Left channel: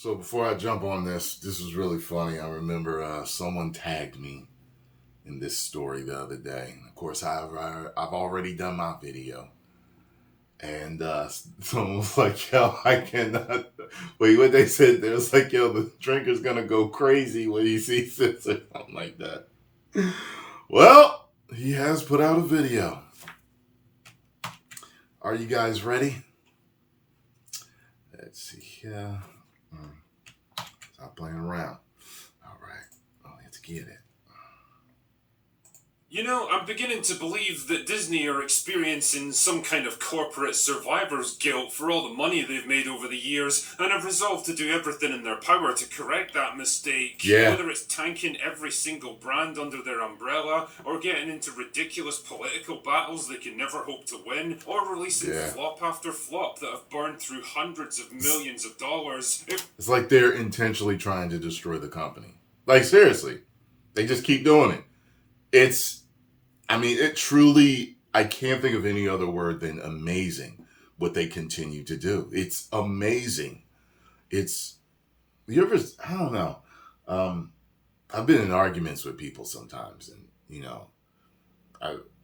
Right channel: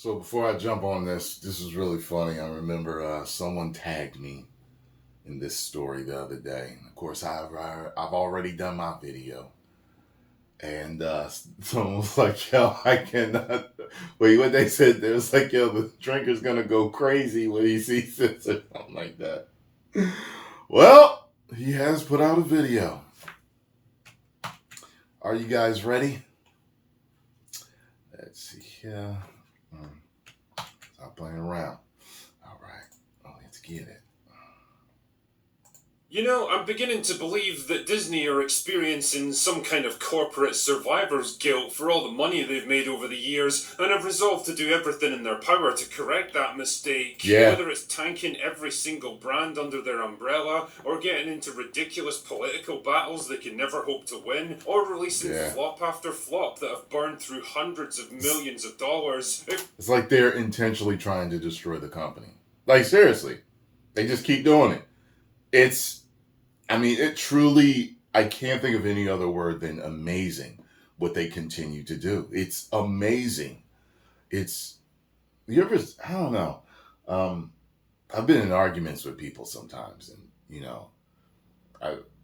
So before I jump on this was really funny. I remember someone tagged me in this story the other day. Of course, I've already done my video, and someone was like, "Yo, I cannot." Wait, what they said? There was like, "Yo, the drinker's gonna go crazy when he sees this," or something like that. Well, he has put out a video. Are you guys ready? Let's see here. Stop playing around. All right. Oh, let's get it. You know, I'm beginning to believe that Disney are experiencing some kind of corporate survivor's guilt for all the money they've made over the years, and have resolved to do everything in their power to correct that mistake. Yeah. Whether it's tanking every single brand under their umbrella, or getting into ridiculous political battles they can never hope to win, or releasing flop after flop that have burned through hundreds of millions of dollars. It's like they're intentionally trying to destroy the company. Like, seriously. They just keep doing it. It truly, I can't think of any other word than amazing what they continue to do. It's amazing. I don't know. I've been in arguments with people sometimes, and,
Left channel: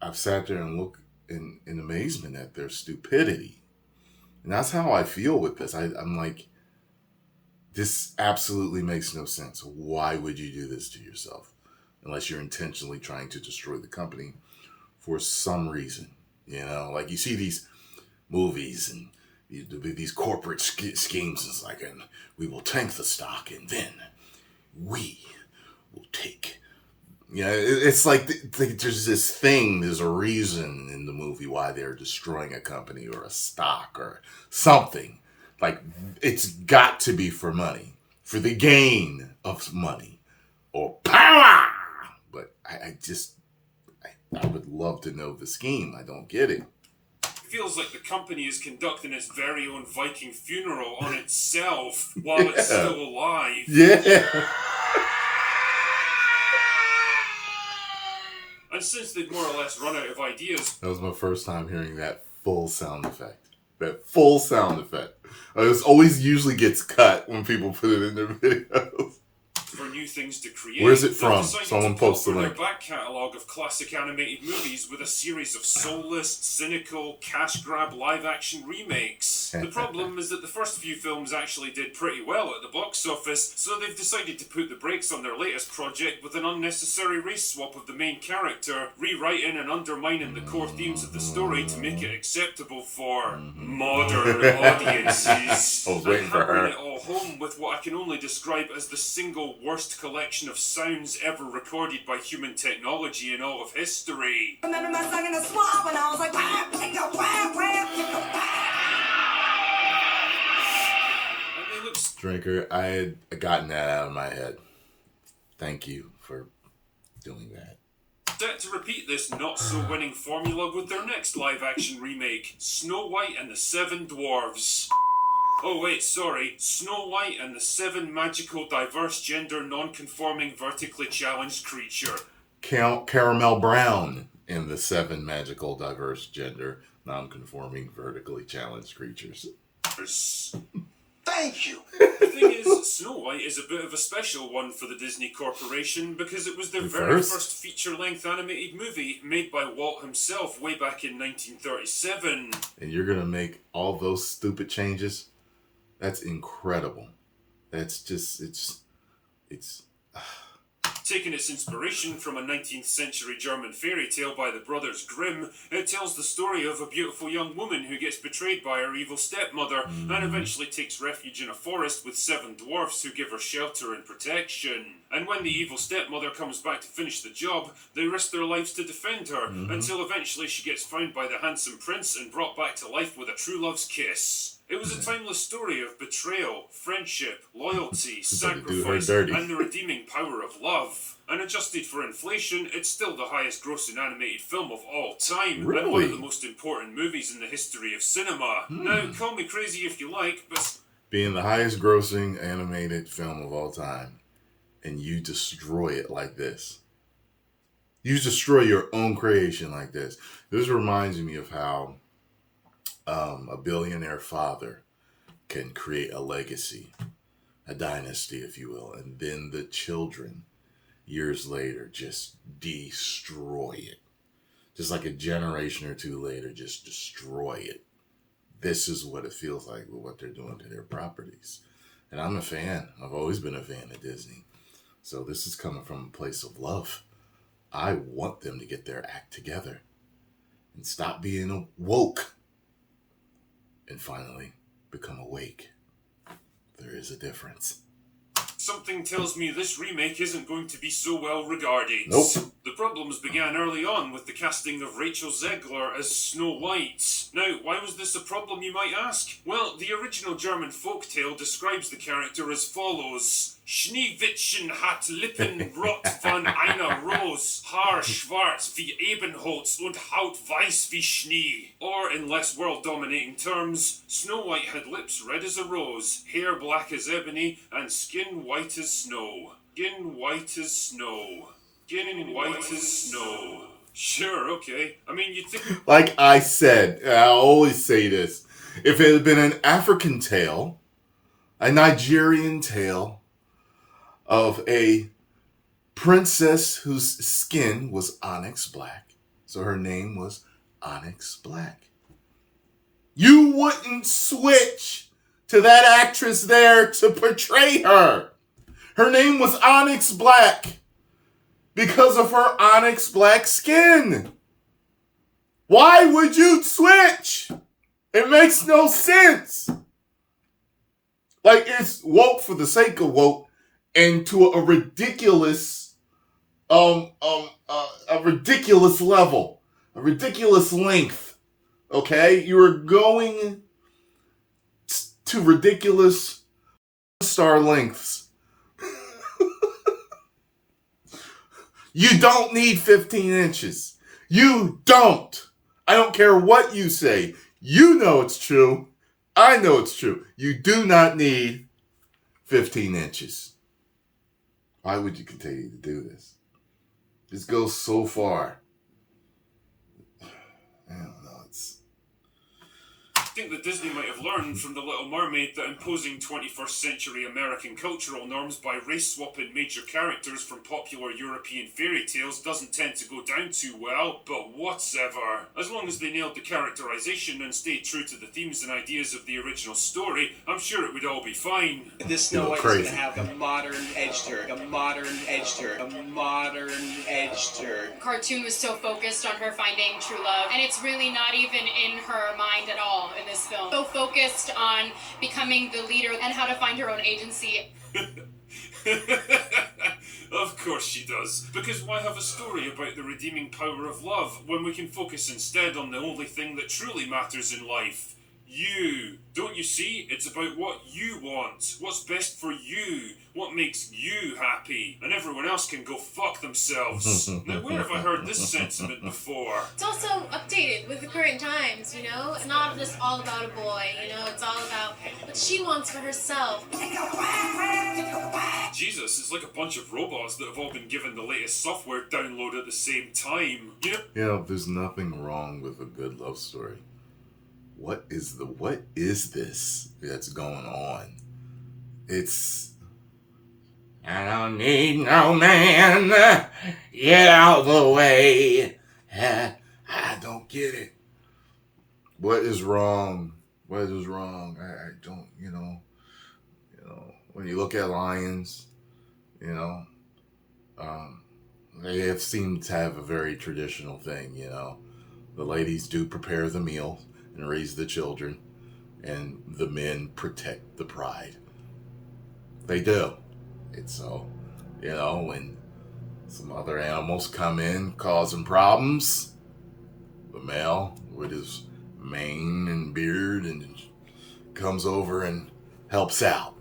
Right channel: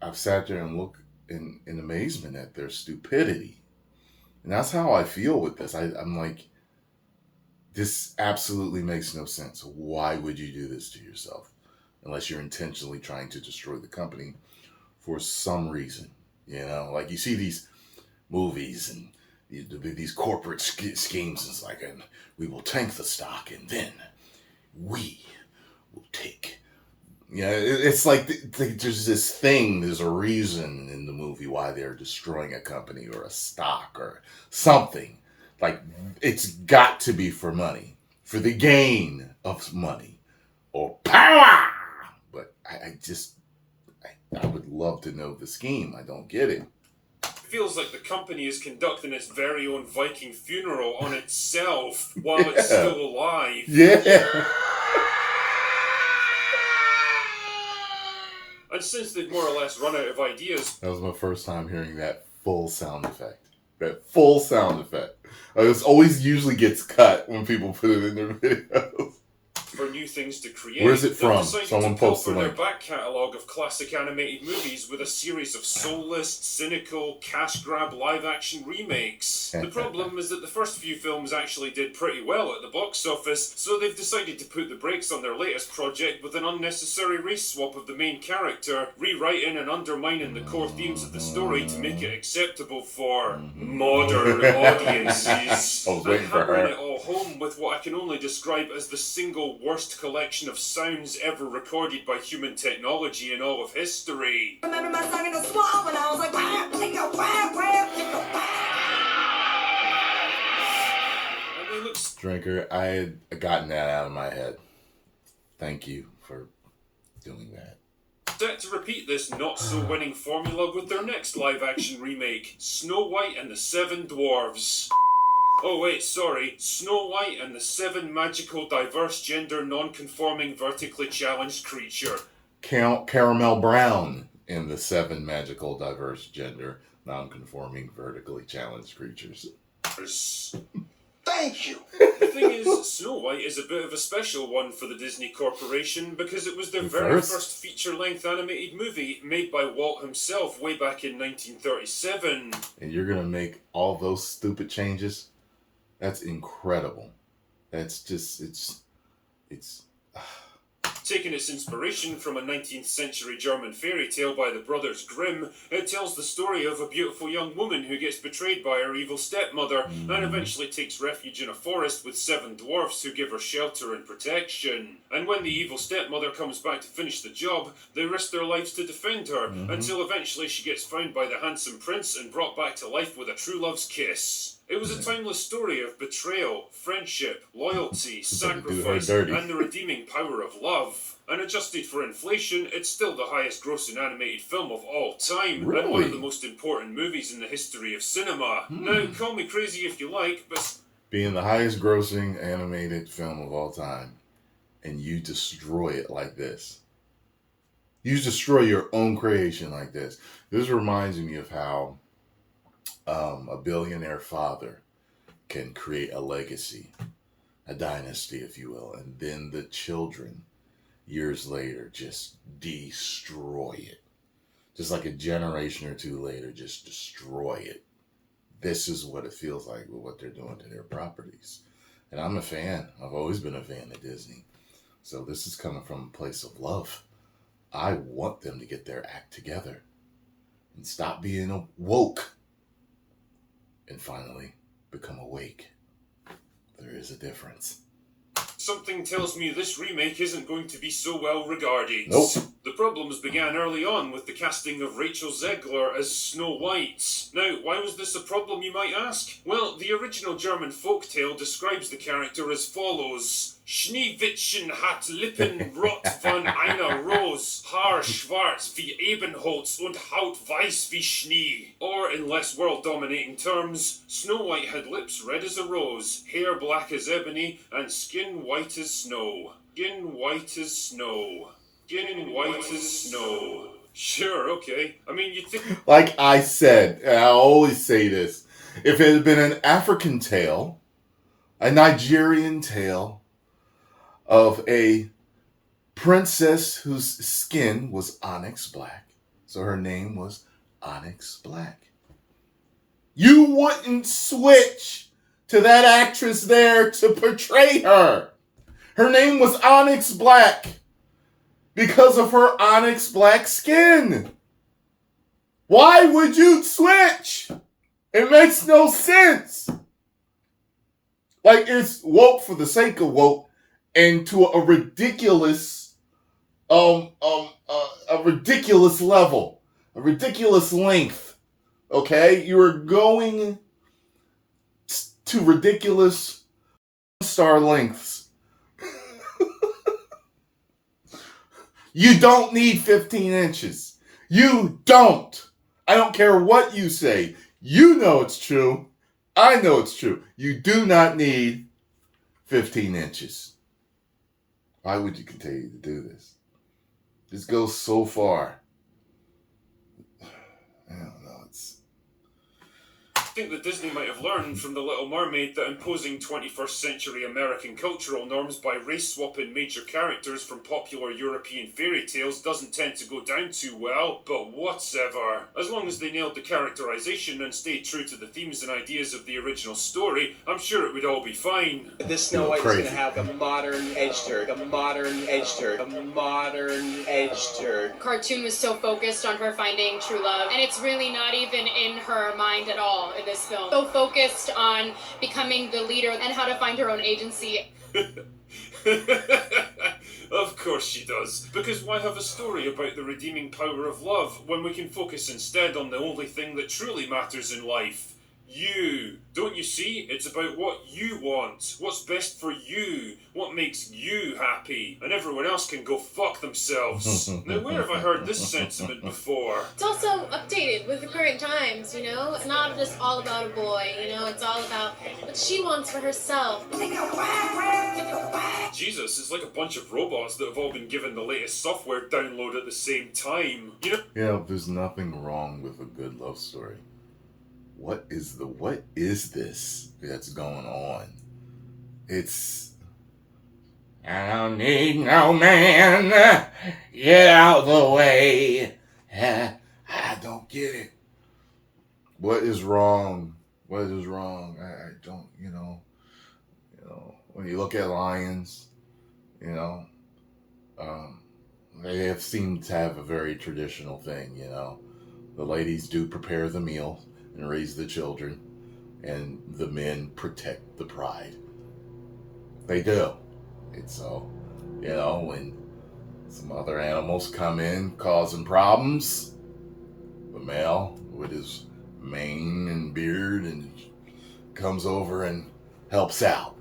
I've sat there and looked in amazement at their stupidity. And that's how I feel with this. I'm like, this absolutely makes no sense. Why would you do this to yourself? Unless you're intentionally trying to destroy the company for some reason. Like you see these movies and these corporate schemes. It's like, and we will tank the stock and then we will take. It's like there's there's a reason in the movie why they're destroying a company or a stock or something. Like, it's got to be for money, for the gain of money or power. But I would love to know the scheme. I don't get it. It feels like the company is conducting its very own Viking funeral on itself while it's still alive. Yeah. And since they've more or less run out of ideas... That was my first time hearing that full sound effect. It always usually gets cut when people put it in their videos. For new things to create. Where's it from? Someone post the link. Their back catalogue of classic animated movies with a series of soulless, cynical, cash grab live action remakes. The problem is that the first few films actually did pretty well at the box office, so they've decided to put the brakes on their latest project with an unnecessary race swap of the main character, rewriting and undermining the core themes of the story to make it acceptable for modern audiences. I was waiting for her. Hammering it all home with what I can only describe as the single worst collection of sounds ever recorded by human technology in all of history. Remember my song in the swamp and I was like, Drinker, I had gotten that out of my head. Thank you for doing that. Set to repeat this not-so-winning formula with their next live-action remake, Snow White and the Seven Dwarves. Oh wait, sorry, Snow White and the Seven Magical Diverse Gender Non-Conforming Vertically Challenged Creature. Caramel Brown in the Seven Magical Diverse Gender Non-Conforming Vertically Challenged Creatures. Thank you. The thing is, Snow White is a bit of a special one for the Disney Corporation because it was their very first feature-length animated movie made by Walt himself way back in 1937. And you're going to make all those stupid changes? That's incredible. That's just, it's... Taking its inspiration from a 19th century German fairy tale by the Brothers Grimm, it tells the story of a beautiful young woman who gets betrayed by her evil stepmother and eventually takes refuge in a forest with seven dwarfs who give her shelter and protection. And when the evil stepmother comes back to finish the job, they risk their lives to defend her until eventually she gets found by the handsome prince and brought back to life with a true love's kiss. It was a timeless story of betrayal, friendship, loyalty, sacrifice, and the redeeming power of love. And adjusted for inflation, it's still the highest grossing animated film of all time, and one of the most important movies in the history of cinema. Now, call me crazy if you like, but... Being the highest grossing animated film of all time, and you destroy it like this. You destroy your own creation like this. This reminds me of how a billionaire father can create a legacy a dynasty, if you will, and then the children, years later, just destroy it. Just like a generation or two later, just destroy it. This is what it feels like with what they're doing to their properties. And I'm a fan. I've always been a fan of Disney. So this is coming from a place of love. I want them to get their act together and stop being woke and finally become awake. There is a difference. Something tells me this remake isn't going to be so well regarded. Nope. The problems began early on with the casting of Rachel Zegler as Snow White. Now, why was this a problem, you might ask? Well, the original German folktale describes the character as follows. Schneewittchen hat Lippen rot von einer Rose, Haar schwarz wie Ebenholz und Haut weiß wie Schnee. Or, in less world-dominating terms, Snow White had lips red as a rose, hair black as ebony, and skin white as snow. Skin white as snow. Skin white as snow. Sure, okay. I mean, you'd think... Like I said, and I always say this, if it had been an African tale, a Nigerian tale, of a princess whose skin was onyx black, so her name was Onyx Black, you wouldn't switch to that actress there to portray her. Her name was Onyx Black because of her onyx black skin. Why would you switch? It makes no sense. Like, it's woke for the sake of woke, and to a ridiculous level, a ridiculous length. Okay, you are going to ridiculous star lengths. You don't need 15 inches. You don't. I don't care what you say. You know it's true. I know it's true. You do not need 15 inches. Why would you continue to do this? This goes so far. I don't know. I think that Disney might have learned from The Little Mermaid that imposing 21st century American cultural norms by race-swapping major characters from popular European fairy tales doesn't tend to go down too well, but whatever. As long as they nailed the characterization and stayed true to the themes and ideas of the original story, I'm sure it would all be fine. This Snow White is going to have a modern edge to her, a modern edge to her, a modern edge to her. Cartoon was so focused on her finding true love, and it's really not even in her mind at all in this film. So focused on becoming the leader and how to find her own agency. Of course she does. Because why have a story about the redeeming power of love when we can focus instead on the only thing that truly matters in life? You. Don't you see? It's about what you want, what's best for you, what makes you happy, and everyone else can go fuck themselves. Now, where have I heard this sentiment before? It's also updated with the current times, you know? It's not just all about a boy, you know? It's all about what she wants for herself. Jesus, it's like a bunch of robots that have all been given the latest software download at the same time. You know, there's nothing wrong with a good love story. What is this that's going on? It's, I don't need no man, get out of the way. I don't get it. What is wrong? What is wrong? I don't, when you look at lions, they have seemed to have a very traditional thing, The ladies do prepare the meal and raise the children, and the men protect the pride. They do. It's so, when some other animals come in causing problems, the male with his mane and beard and comes over and helps out.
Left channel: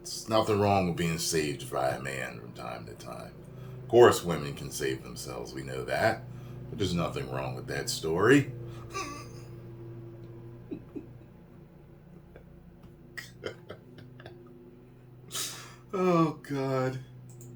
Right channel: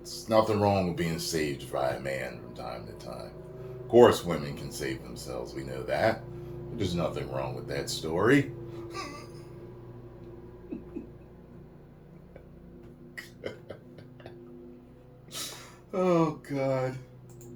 There's nothing wrong with being saved by a man from time to time. Of course, women can save themselves. We know that. But there's nothing wrong with that story. Oh, God.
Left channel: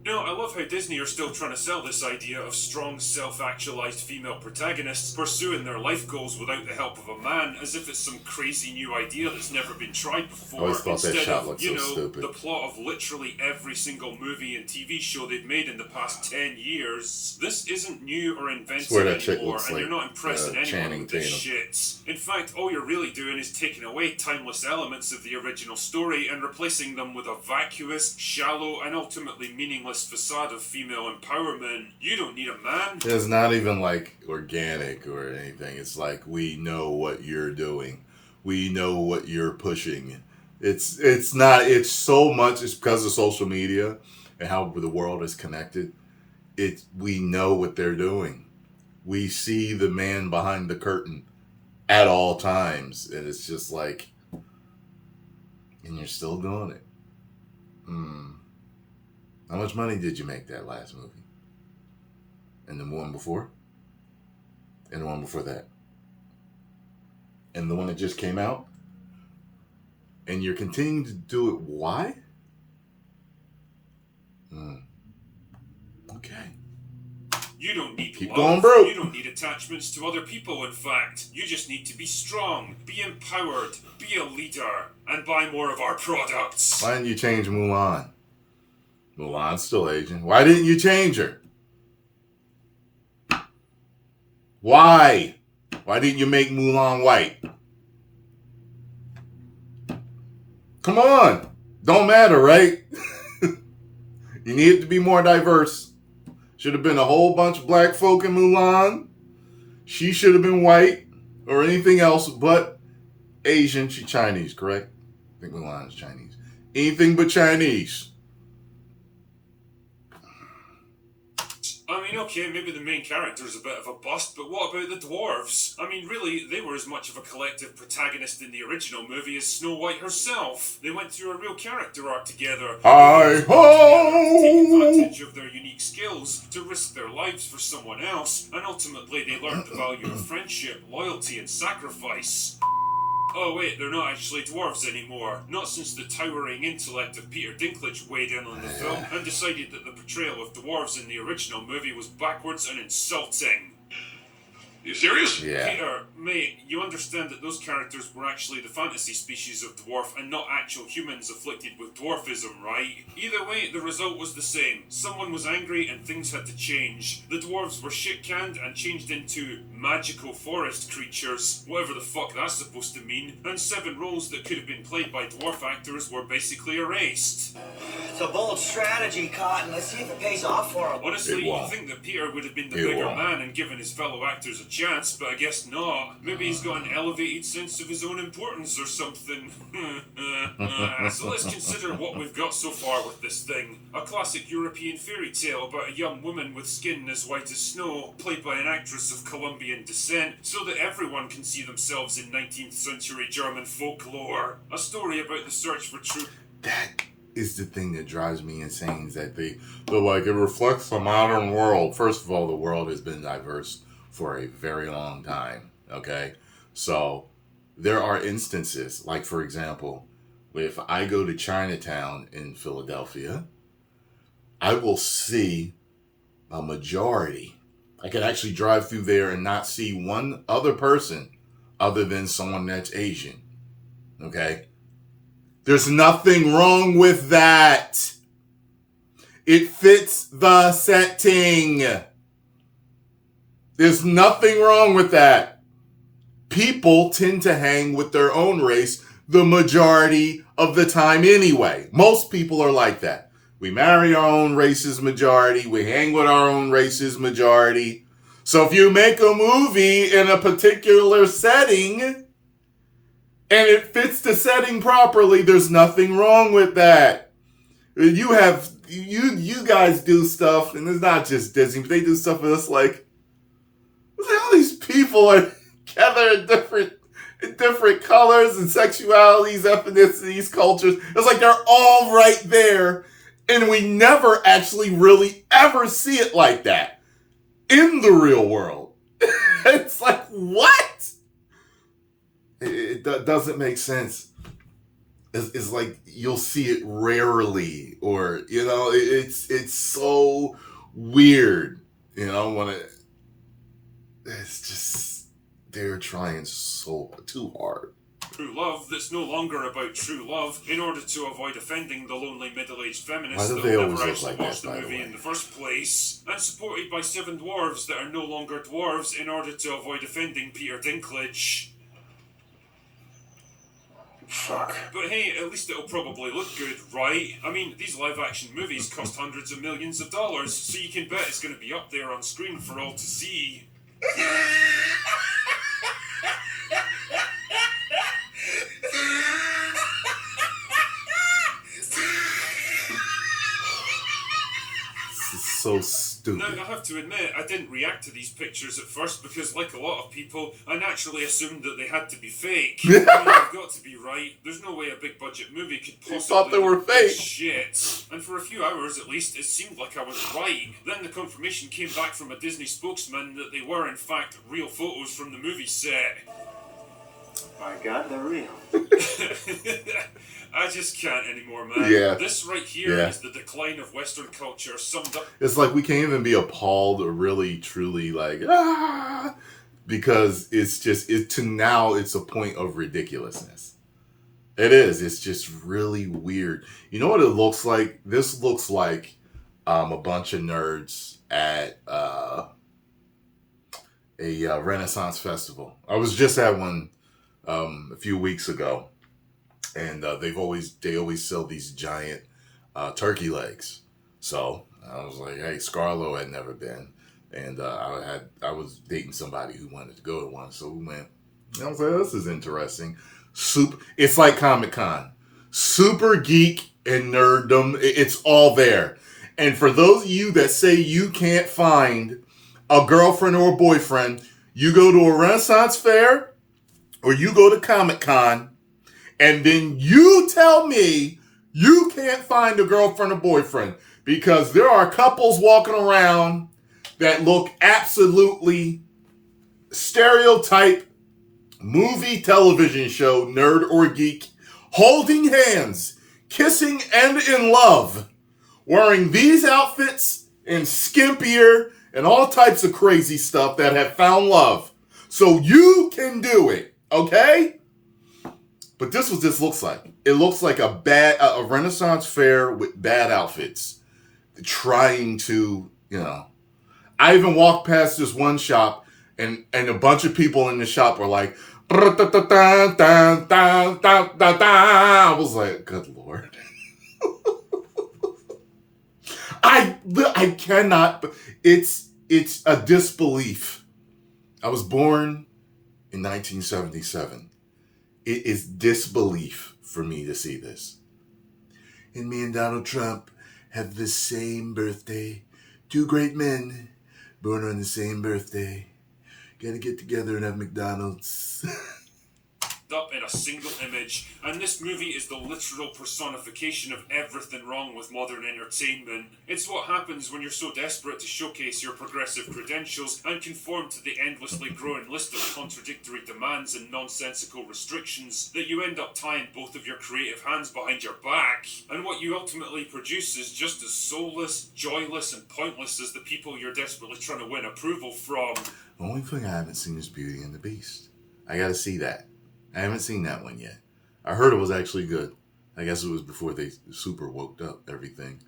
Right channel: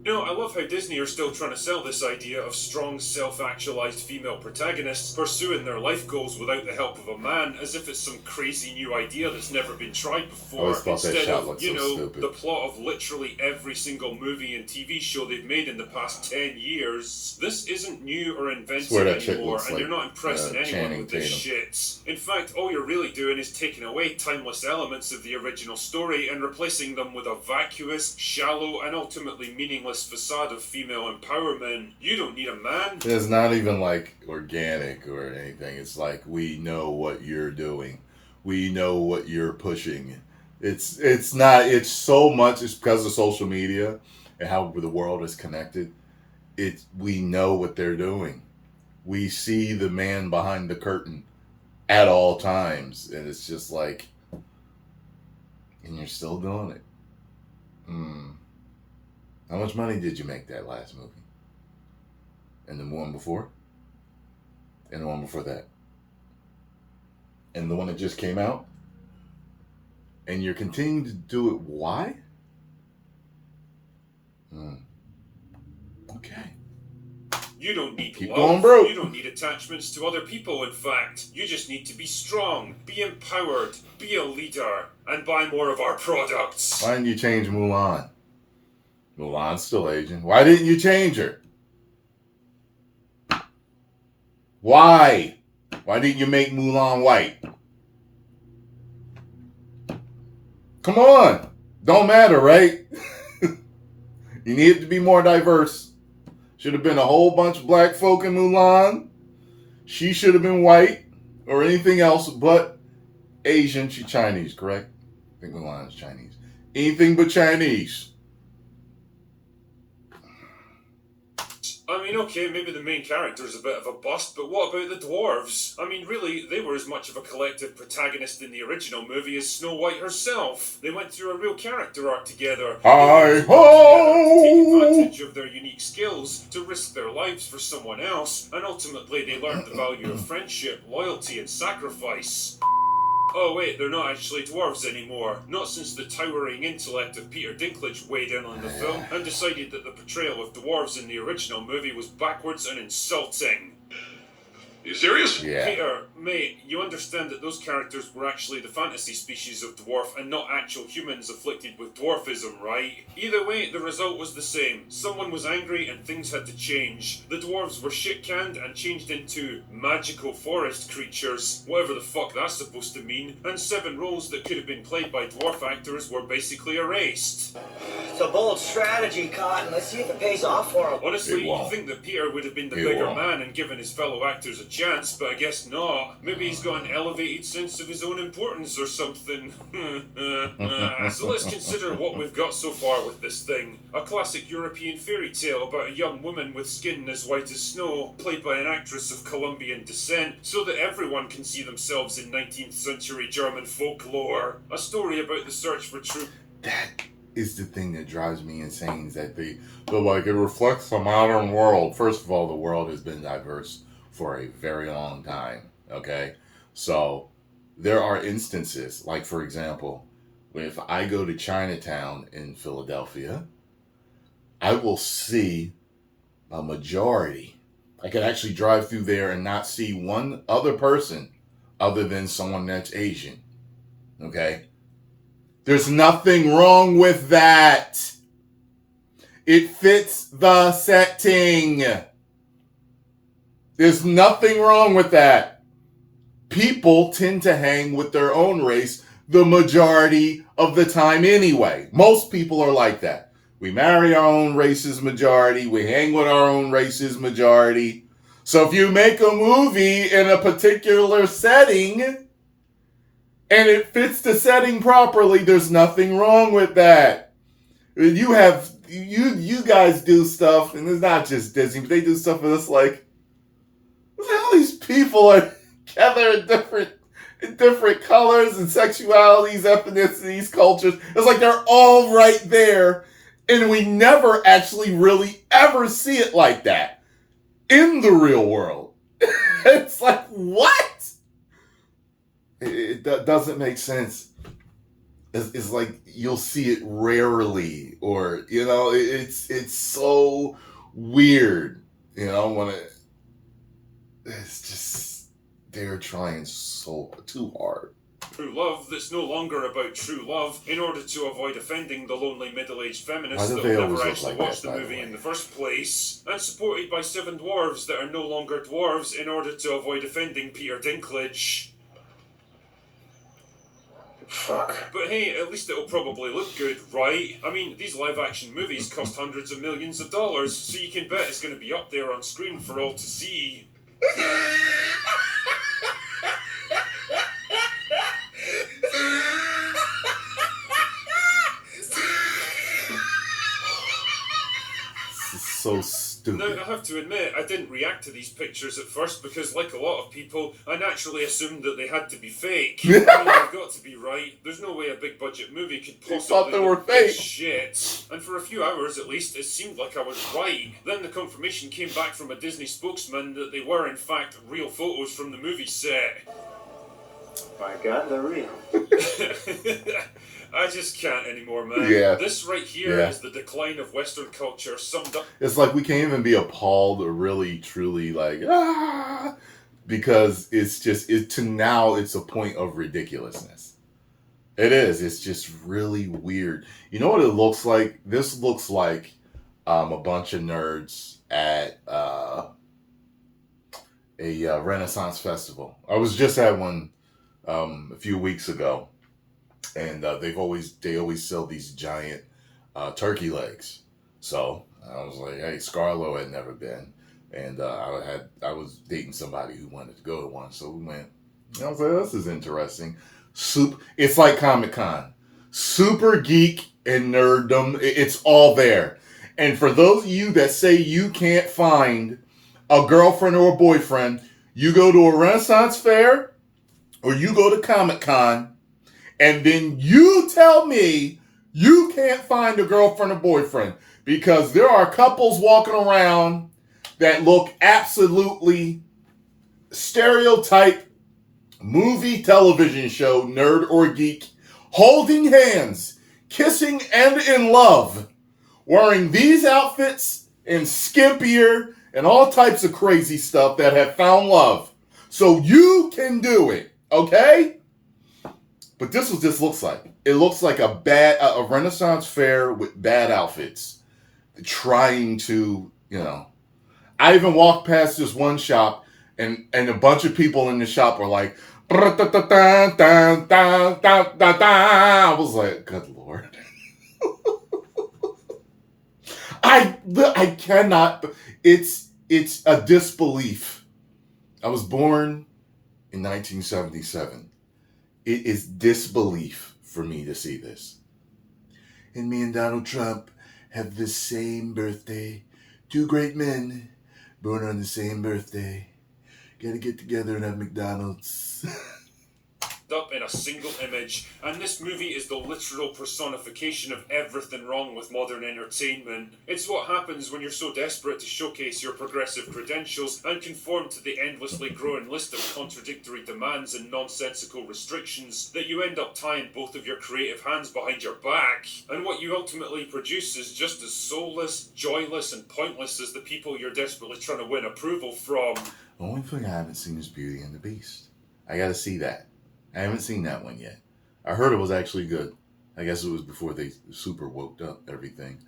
No, I love how Disney are still trying to sell this idea of strong, self-actualized female protagonists pursuing their life goals without the help of a man, as if it's some crazy new idea that's never been tried before. I always thought that Instead shot of, looked you so know, stupid. the plot of literally every single movie and TV show they've made in the past 10 years. This isn't new or inventive Swear that chick anymore, looks and like, you're not impressing anyone Channing with this Tatum. shit. In fact, all you're really doing is taking away timeless elements of the original story and replacing them with a vacuous, shallow, and ultimately meaningless facade of female empowerment. You don't need a man. It's not even like organic or anything. It's like, we know what you're doing. We know what you're pushing. It's not, it's so much, it's because of social media and how the world is connected. We know what they're doing. We see the man behind the curtain at all times. And it's just like, and you're still doing it. How much money did you make that last movie? And the one before? And the one before that? And the one that just came out? And you're continuing to do it. Why? Okay. You don't need Keep love. going, bro. You don't need attachments to other people, in fact. You just need to be strong, be empowered, be a leader, and buy more of our products. Why didn't you change Mulan? Mulan's still Asian. Why didn't you change her? Why? Why didn't you make Mulan white? Come on. Don't matter, right? You need it to be more diverse. Should have been a whole bunch of black folk in Mulan. She should have been white or anything else but Asian. She's Chinese, correct? I think Mulan is Chinese. Anything but Chinese. I mean, okay, maybe the main character's a bit of a bust, but what about the dwarves? I mean, really, they were as much of a collective protagonist in the original movie as Snow White herself. They went through a real character arc together. Hi ho! Take advantage of their unique skills to risk their lives for someone else, and ultimately they learned the value of friendship, loyalty, and sacrifice. Oh wait, they're not actually dwarves anymore. Not since the towering intellect of Peter Dinklage weighed in on the film and decided that the portrayal of dwarves in the original movie was backwards and insulting. You serious? Yeah. Peter, mate, you understand that those characters were actually the fantasy species of dwarf and not actual humans afflicted with dwarfism, right? Either way, the result was the same. Someone was angry and things had to change. The dwarves were shit-canned and changed into magical forest creatures, whatever the fuck that's supposed to mean, and 7 roles that could have been played by dwarf actors were basically erased. It's a bold strategy, Cotton. Let's see if it pays off for him. Honestly, It you'd won't. think that Peter would have been the It bigger won't. man and given his fellow actors a chance, but I guess not. Maybe he's got an elevated sense of his own importance or something. So let's consider what we've got so far with this thing. A classic European fairy tale about a young woman with skin as white as snow, played by an actress of Colombian descent, so that everyone can see themselves in 19th century German folklore. A story about the search for truth. That is the thing that drives me insane, is that they're like, it reflects the modern world. First of all, the world has been diverse for a very long time, okay? So there are instances, like for example, if I go to Chinatown in Philadelphia, I will see a majority. I could actually drive through there and not see one other person other than someone that's Asian, okay? There's nothing wrong with that. It fits the setting. There's nothing wrong with that. People tend to hang with their own race the majority of the time anyway. Most people are like that. We marry our own race's majority. We hang with our own race's majority. So if you make a movie in a particular setting and it fits the setting properly, there's nothing wrong with that. You guys do stuff, and it's not just Disney, but they do stuff with us like all these people are together in different colors and sexualities, ethnicities, cultures. It's like they're all right there, and we never actually really ever see it like that in the real world. It's like, what? It doesn't make sense. It's like you'll see it rarely, or it's so weird. When it's just they're trying so too hard. True love that's no longer about true love in order to avoid offending the lonely middle-aged feminists Why do that they will always never look actually like watch that, the by the movie way? in the first place, and supported by 7 dwarves that are no longer dwarves in order to avoid offending Peter Dinklage. Fuck. But hey, at least it'll probably look good, right? I mean, these live-action movies cost hundreds of millions of dollars, so you can bet it's going to be up there on screen for all to see. This is so stupid. Now, I have to admit, I didn't react to these pictures at first because, like a lot of people, I naturally assumed that they had to be fake. I mean, I've got to be right. There's no way a big-budget movie could possibly thought they were look this fake. shit. And for a few hours, at least, it seemed like I was right. Then the confirmation came back from a Disney spokesman that they were, in fact, real photos from the movie set. My God, they're real. I just can't anymore, man. Yeah. This right here Yeah. is the decline of Western culture summed up. It's like we can't even be appalled or really truly like because it's just now it's a point of ridiculousness. It is. It's just really weird. You know what it looks like? This looks like a bunch of nerds at a Renaissance festival. I was just at one a few weeks ago, and they always sell these giant turkey legs. So I was like, hey, Scarlo had never been, and I was dating somebody who wanted to go to one, so we went. And I was like, this is interesting. It's like Comic-Con, super geek and nerddom. It's all there. And for those of you that say you can't find a girlfriend or a boyfriend, you go to a Renaissance fair or you go to Comic-Con, and then you tell me you can't find a girlfriend or boyfriend, because there are couples walking around that look absolutely stereotype movie television show, nerd or geek, holding hands, kissing and in love, wearing these outfits and skimpier and all types of crazy stuff that have found love. So you can do it, okay? But this is what this looks like. It looks like a Renaissance fair with bad outfits, trying to, I even walked past this one shop, and a bunch of people in the shop were like, I was like, good Lord. I cannot, it's a disbelief. I was born in 1977. It is disbelief for me to see this. And me and Donald Trump have the same birthday. 2 great men born on the same birthday. Gotta get together and have McDonald's. Up in a single image, and this movie is the literal personification of everything wrong with modern entertainment. It's what happens when you're so desperate to showcase your progressive credentials and conform to the endlessly growing list of contradictory demands and nonsensical restrictions that you end up tying both of your creative hands behind your back. And what you ultimately produce is just as soulless, joyless, and pointless as the people you're desperately trying to win approval from. The only thing I haven't seen is Beauty and the Beast. I gotta see that. I haven't seen that one yet. I heard it was actually good. I guess it was before they super woked up everything.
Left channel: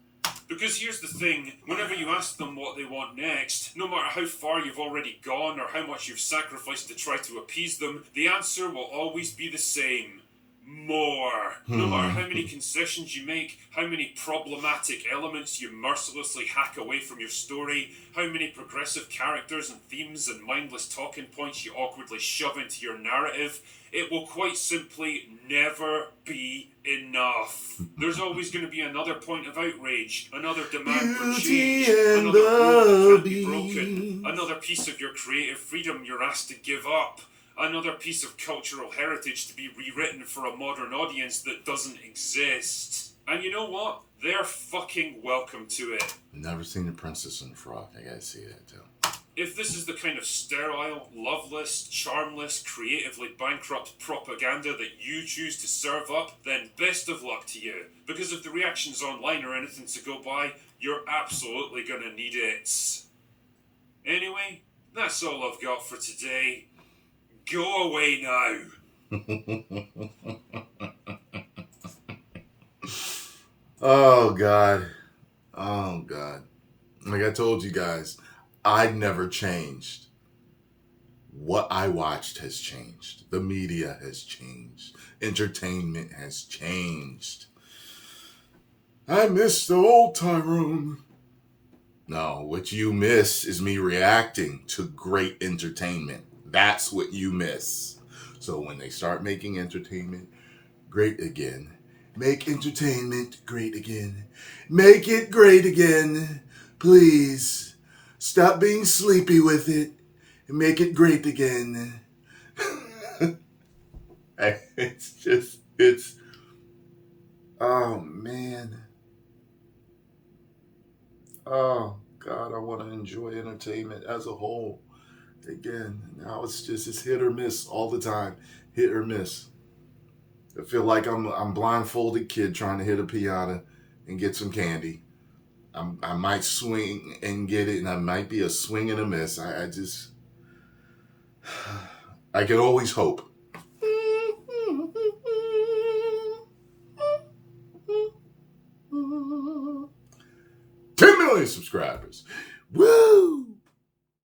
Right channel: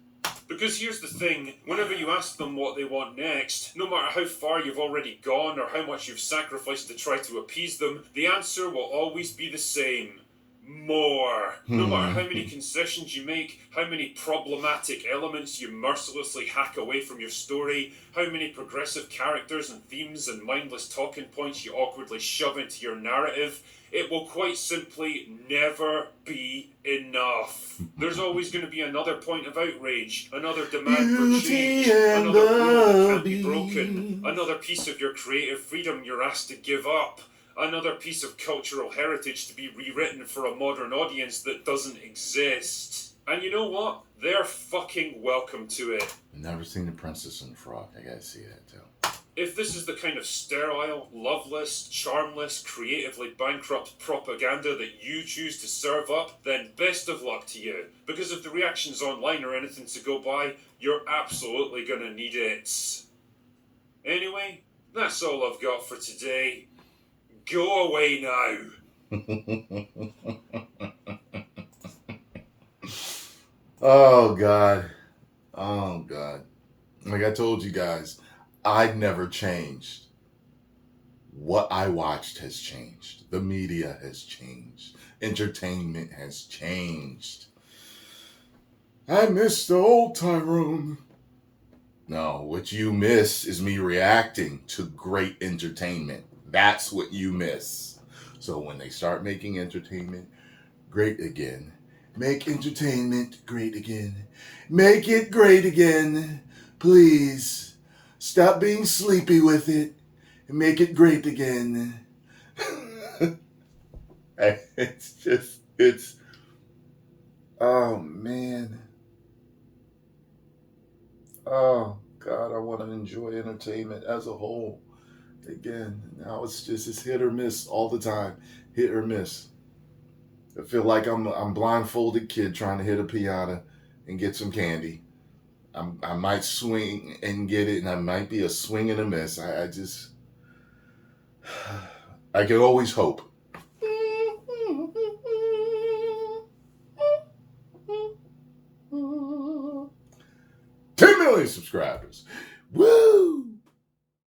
Because here's the thing, whenever you ask them what they want next, no matter how far you've already gone or how much you've sacrificed to try to appease them, the answer will always be the same. More. No matter how many concessions you make, how many problematic elements you mercilessly hack away from your story, how many progressive characters and themes and mindless talking points you awkwardly shove into your narrative, it will quite simply never be enough. There's always going to be another point of outrage, another demand for change, another rule that can't be broken, another piece of your creative freedom you're asked to give up, another piece of cultural heritage to be rewritten for a modern audience that doesn't exist. And you know what? They're fucking welcome to it. Never seen The Princess and the Frog. I gotta see that too. If this is the kind of sterile, loveless, charmless, creatively bankrupt propaganda that you choose to serve up, then best of luck to you. Because if the reactions online are anything to go by, you're absolutely gonna need it. Anyway, that's all I've got for today. Go away now. Oh, God. Oh, God. Like I told you guys, I'd never changed. What I watched has changed. The media has changed. Entertainment has changed. I miss the old Tyrone. No, what you miss is me reacting to great entertainment. That's what you miss. So when they start making entertainment great again, make entertainment great again. Make it great again. Please. Stop being sleepy with it and make it great again. It's, oh man. Oh God, I want to enjoy entertainment as a whole. Again, now it's hit or miss all the time. Hit or miss. I feel like I'm a blindfolded kid trying to hit a piano and get some candy. I might swing and get it, and I might be a swing and a miss. I can always hope. 10 million subscribers. Woo!